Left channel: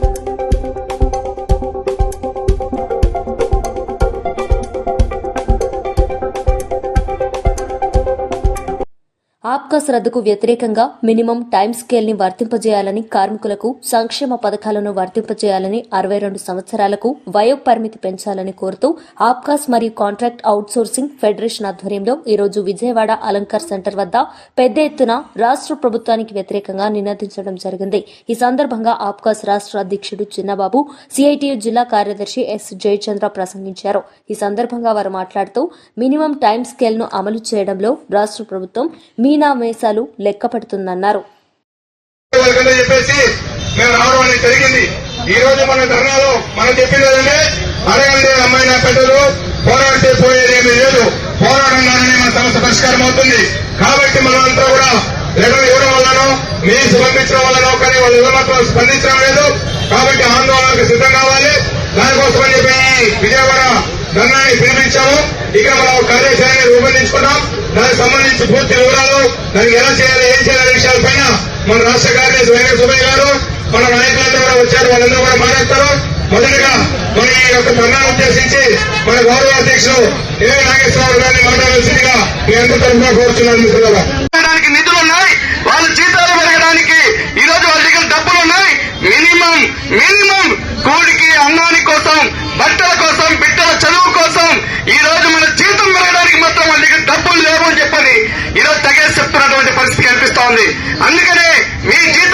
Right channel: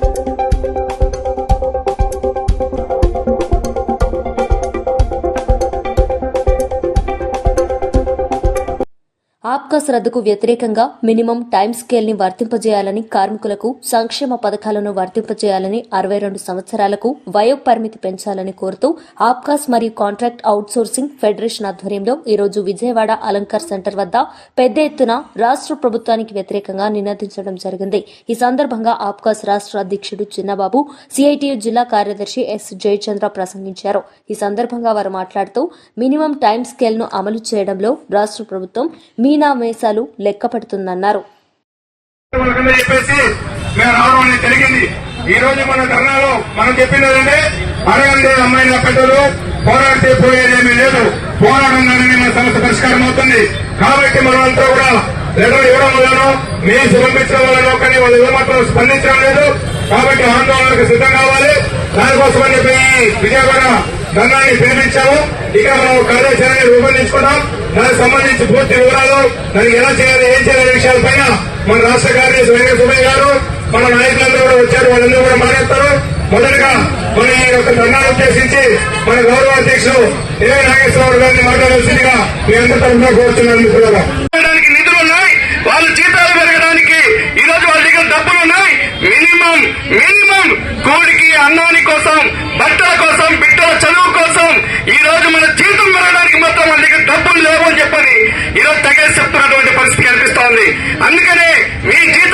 thank you. APCOS రద్దుకు వ్యతిరేకంగా minimum time స్కేల్ని వర్తింపజేయాలని కార్మికులకు సంక్షేమ పథకాలను వర్తింపజేయాలని అరవై రెండు సంవత్సరాలకు వయో పరిమితి పెంచాలని కోరుతూ ఆప్కాస్ మరియు కాంట్రాక్ట్ అవుట్సోర్సింగ్ ఫెడరేషన్ ఆధ్వర్యంలో ఈరోజు విజయవాడ అలంకార్ సెంటర్ వద్ద పెద్ద ఎత్తున రాష్ట్ర ప్రభుత్వానికి వ్యతిరేకంగా నినదించడం జరిగింది. ఈ సందర్భంగా ఆప్కాస్ రాష్ట్ర అధ్యక్షుడు చిన్నబాబు సిఐటియు జిల్లా కార్యదర్శి ఎస్ జయచంద్ర ప్రసంగించారు. ఈ సందర్భంగా వారు మాట్లాడుతూ మినిమం టైం స్కేల్ను అమలు చేయడంలో రాష్ట్ర ప్రభుత్వం మీనా మేసాలు లెక్క పెడుతుందన్నారు వాళ్ళకన్నా జరిగింది. ఈ రోజు మన ధర్నాలో మనం చెప్పింది ఏంటంటే అమ్మాయి అమ్మాయిన పెట్టరు పోరాడితే పోయేది లేదు. పోరాడంగానే మన సమస్య పరిష్కారం అవుతుంది. కాబట్టి మనమంతా కూడా లెటర్ ఇవ్వడం వల్లనో మీరు పంపించడం వల్లనో కానీ వాళ్ళు స్పందించడం లేదు. కాబట్టి ఆందోళనకు సిద్ధం కావాలి. చెప్పి విజయవాడ ధర్నాన్ని పిలిపించాము. ఇక మనం కార్యాచరణని సంబంధించి పూర్తి వివరాలు దానికి ఎలా చేయాలి ఏం చేయాలి విషయాలపైన మన రాష్ట్ర కార్యదర్శి వైఎస్ సుబ్బయ్య గారు మన నాయకులందరూ కూడా వచ్చారు వాళ్ళందరూ కూడా మాట్లాడతారు. మొదటగా మన ఈ యొక్క ధర్నాన్ని ఉద్దేశించి మన గౌరవ అధ్యక్షుడు ఏ నాగేశ్వరరావు గారిని మాట్లాడాల్సిందిగా మీ అందరి తరఫున కోరుతున్నాను మిత్రులారా. నిధులు ఉన్నాయి వాళ్ళ జీతాలు పెరగడానికి ఈ రోజు వాళ్ళ దగ్గర డబ్బులు ఉన్నాయి. మినిమం మినిమం కూడికి అన్నాని కోసం బట్టల కోసం బిడ్డల చదువు కోసం ఈ రోజు మన జీతం పెరగడానికి మాత్రం వాళ్ళకి డబ్బులు లేవు అని చెప్పని ఈ రోజు తగేసి చెప్తున్నటువంటి పరిస్థితి కనిపిస్తా ఉంది. అందుకనే మీ జీతం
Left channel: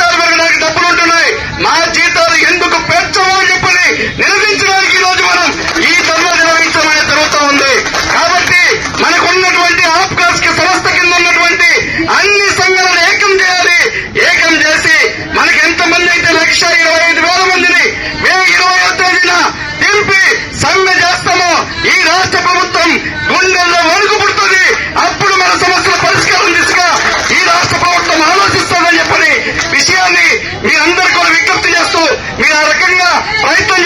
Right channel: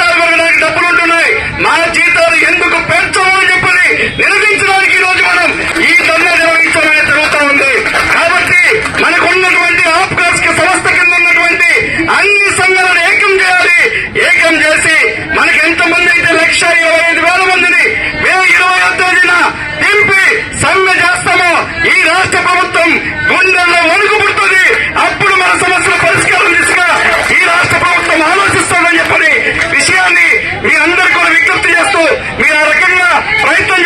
రాష్ట్ర ప్రభుత్వం గుండెల్లో వణుకుపుడుతుంది అప్పుడు మన సమస్యల పరిష్కారం దిశగా ఈ రాష్ట్ర ప్రభుత్వం ఆలోచిస్తుందని చెప్పని విషయాన్ని మీ అందరికీ కూడా విజ్ఞప్తి చేస్తూ మీరు ఆ రకంగా ప్రయత్నం